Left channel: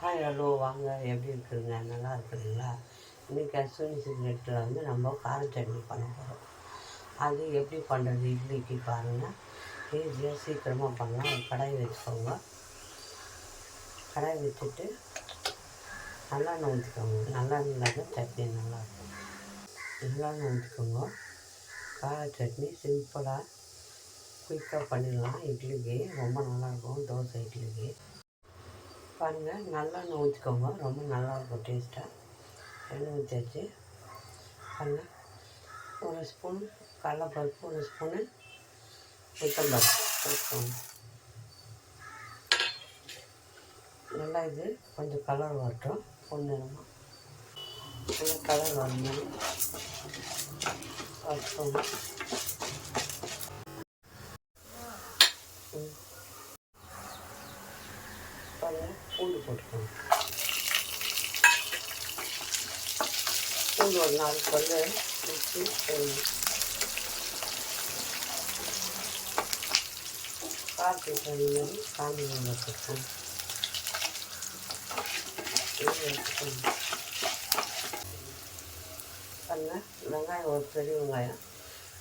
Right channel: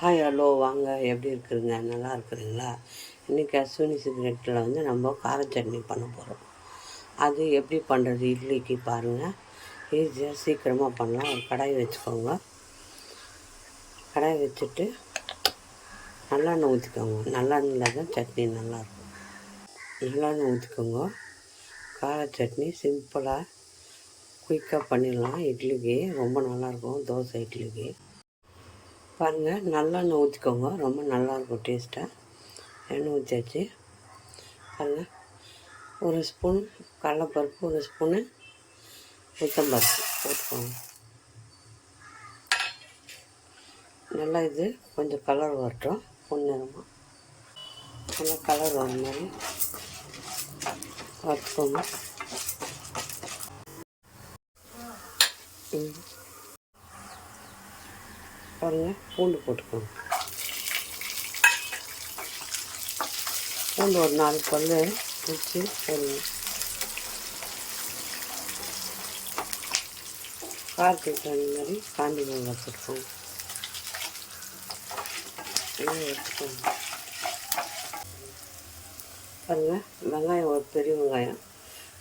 Hi hello வாங்க, எப்படி இருக்குதுங்க? நல்லா இருக்குதுங்களா? இன்றைக்கி அஸ்வினி சிகரெட்டில் நம்ம கார சட்னி பண்ண போகிறோம். அது எப்படி பண்ணுறது இட்லிக்கு பாருங்கள். ஈஸியாக சீக்கிரமாக பண்ணலாம். ஒரு கடாய் வச்சுக்கோங்க. கடாய் வச்சுட்டு நல்லெண்ணெய் ஊற்றிக்கோங்க. நல்லெண்ணெயில் தான் சட்னி நல்லாயிருக்கும். நல்லெண்ணெய் ஊற்றிக்கோங்க. கார சட்னி சிம்பிளாக குயிக்காக பண்ணிடலாம். இட்லிக்கு ரொம்ப நல்லாயிருக்கும். தோசை இட்லிக்கு பாருங்கள். நல்லெண்ணெய் ஊற்றிக்கோங்க. ரொம்ப நல்லாயிருக்கும் டேஸ்ட்டாக. எண்ணெய் ஊற்றியாச்சு. பாருங்கள், ஒரு ஸ்பூன் கடலைப்பருப்பு, ஒரு ஸ்பூனு உளுத்தம்பருப்பு போட்டுக்கோங்க. நல்லா இது கொஞ்சம் கலர் வரட்டும். பொன்னிறமாக நல்லா கலர் வர மாதிரி வறுத்துக்கோங்க. பாருங்கள், பூண்டு போட்டுக்கோங்க. பூண்டு ஒரு 4 பல் வச்சு போடணும். காரத்துக்கு தகுந்த மாதிரி காஞ்சி மிளகாய் போட்டுக்கோங்க. எடுத்துக்கோங்க. பாருங்கள், வெங்காயம் ஒரு பெரிய வெங்காயம்,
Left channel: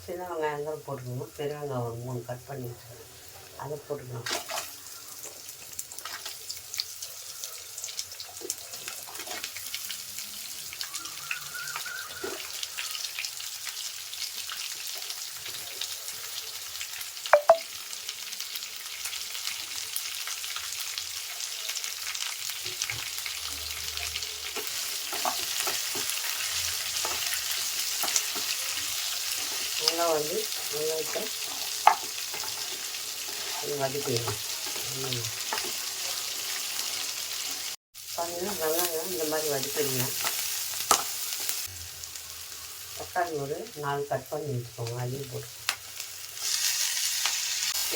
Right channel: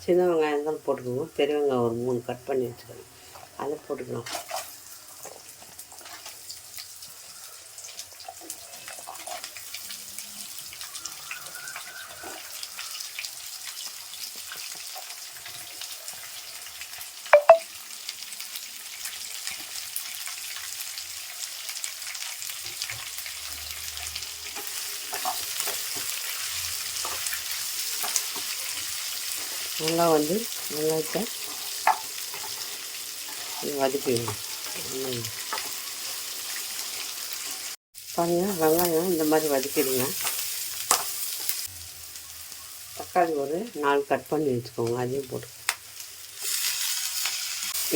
சின்ன வெங்காயம் இருந்தாலும் போட்டுக்கோங்க. பெரிய வெங்காயம் ஒரு 3 கட் பண்ணி வச்சுக்கோங்க. அதை போட்டுக்கலாம். நல்லா வெங்காயத்தை வதக்கிடுங்க. பாருங்கள், வெங்காயம் இந்த மாதிரி வதக்கிடுங்க. தக்காளி ஒரு 4 கட் பண்ணி வச்சுக்கோங்க. அதையும் போட்டு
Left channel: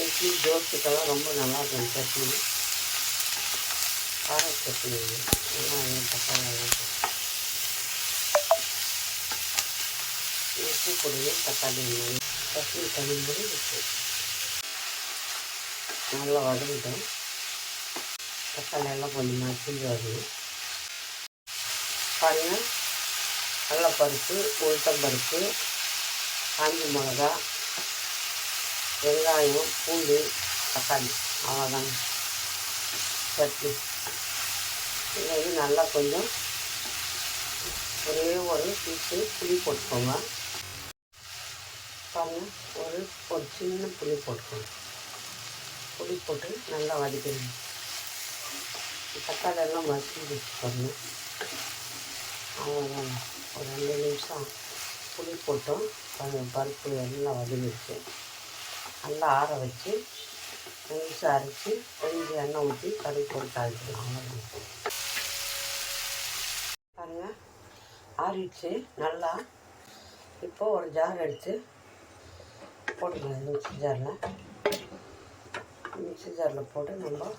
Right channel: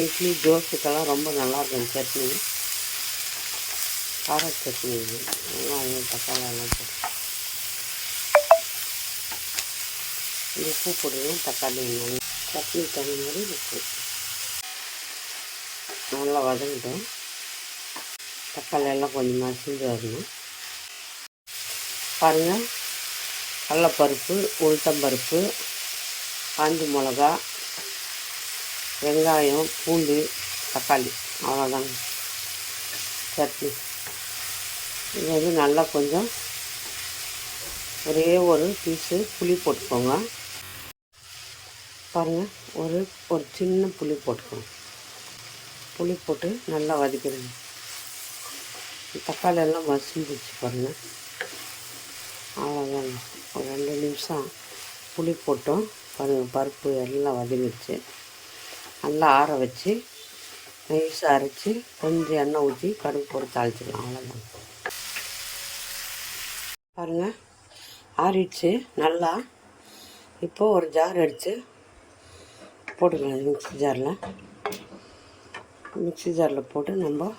இட்லி தோசைக்கெல்லாம் ரொம்ப நல்லாயிருக்கும் சட்னி. கார சட்னி வெங்காயம் தக்காளி உப்பு போடுவோம். தக்காளி சட்னி தகுந்தபடி உப்பு நல்லா வதங்கிட்டோம். தக்காளி எல்லாம் கொஞ்சம் மசிஞ்சு வரணும். பாருங்கள், கடலைப்பருப்பு, உளுத்தம்பருப்பு, காஞ்சி மிளகா, வெங்காயம், பூண்டு, தக்காளி, அவ்வளோதாங்க சட்னி. இது நல்லா கொஞ்சம் ஒரே ஒரு பீஸு புளி போட்டுக்கோங்க. பாருங்கள், ஒரு சின்ன புளி போட்டுக்கோங்க. புளி போட்டு நல்லா வதக்கிடுங்க. தக்காளி எல்லாம் மசிஞ்சிச்சு பாருங்கள். அவ்வளோதாங்க. ஒரு 2 நிமிஷம் புளி போட்டோம். பாருங்கள், பருப்பு எல்லாம் வதங்கிச்சு. நல்லா ஆற வச்சு நைஸாக அரைச்சி கொஞ்சம் எண்ணெய் ஊற்றி கடுகு போட்டு தாளிச்சிடலாம். அவ்வளோதான். பாருங்கள், ஆறிடுச்சு நல்லா. இப்போது ஒரு ஜார் எடுத்து போட்டுக்கலாம். மிக்ஸி ஜாரில் போட்டு நம்ம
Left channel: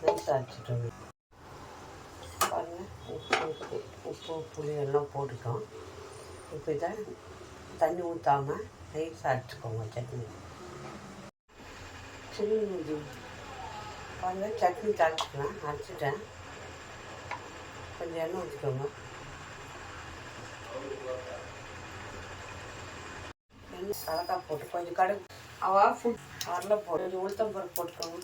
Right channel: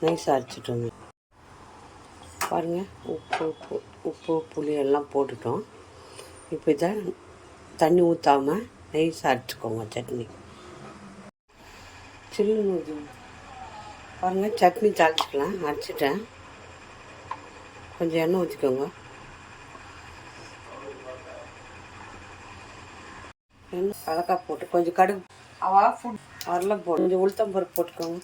நைஸாக அரைச்சிட்டோங்க. பாருங்கள், உப்பு புளி எல்லாம் போட்டுட்டோம். இப்போ இதை தண்ணி ஊற்றாமல் நைஸாக அரைச்சிக்கோங்க சட்னி. சில்லுன்னு பாருங்கள், சட்னி தாளிச்சிக்கலாம். அரைச்சிட்டேன். கொஞ்சம் எண்ணெய் ஊற்றிக்கோங்க. எண்ணெய் கலக்காய் போட்டு கொஞ்சம் கடுகு அதெல்லாம் போட்டு கொஞ்சம் உளுத்தம் பருப்பு போட்டுக்கோங்க.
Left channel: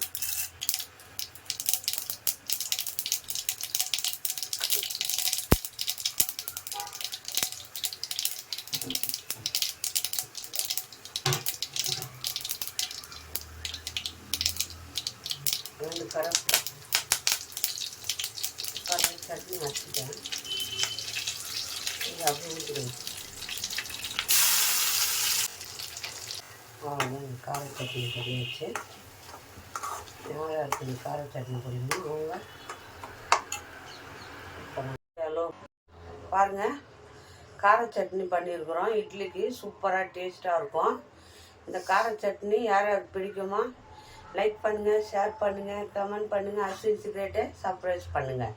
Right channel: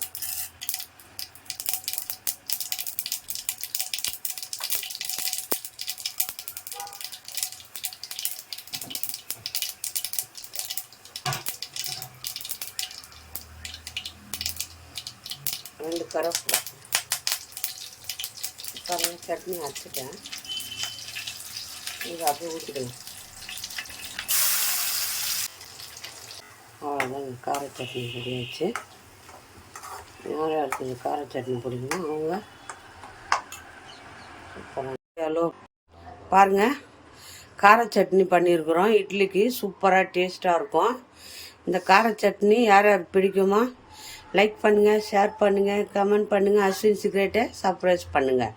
ரெண்டு கருவேப்பிலை. பாருங்கள், சட்னி அரைச்சிட்டேன். இது அப்படியே ஊற்றிக்கலாம். அவ்வளோதான், கார சட்னி பொடி வச்சு. யார் யாருக்கு கார சட்னி பிடிக்கணும் அவங்க ஹலோ பாருங்கள், கார சட்னி பண்ணியிருக்கிறோம். இட்லிக்கு சூப்பராக டேஸ்ட்டாக இருக்கும். இந்த கார சட்னி யார் யாருக்கு பிடிக்குமோ லைக் பண்ணுங்கள், ஷேர் பண்ணுங்கள், கமெண்ட் பண்ணுங்கள். அஸ்வின் சிகரெட்டை சப்ஸ்கிரைப் பண்ணுங்கள்.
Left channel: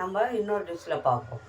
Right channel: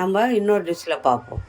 நம்ம இன்னொரு டிஷ்ஷில் பார்ப்போம்.